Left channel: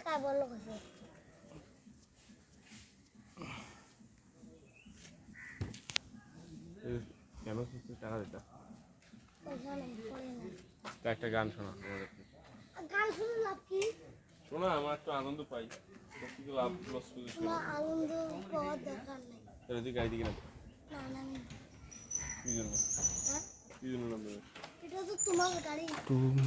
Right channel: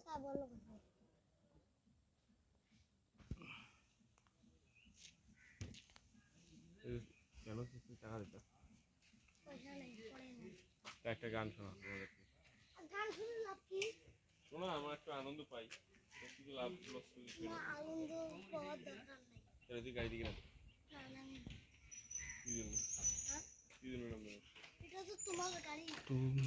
काय बोललो कसं কেন কিছু টাকা দিতাম পয়সা নেই পড়ে না একটা গান শোনা গান শুনে লাভ কি শোনা আমার একটু আনন্দ পাই কিন্তু লাভ লস না আনন্দ পাওয়ার দরকার নেই তাহলে তুই গাড়ি দিকে না না না কি জন্য হ্যাঁ কি জন্য এটা তো তোমার গাড়ি তুমি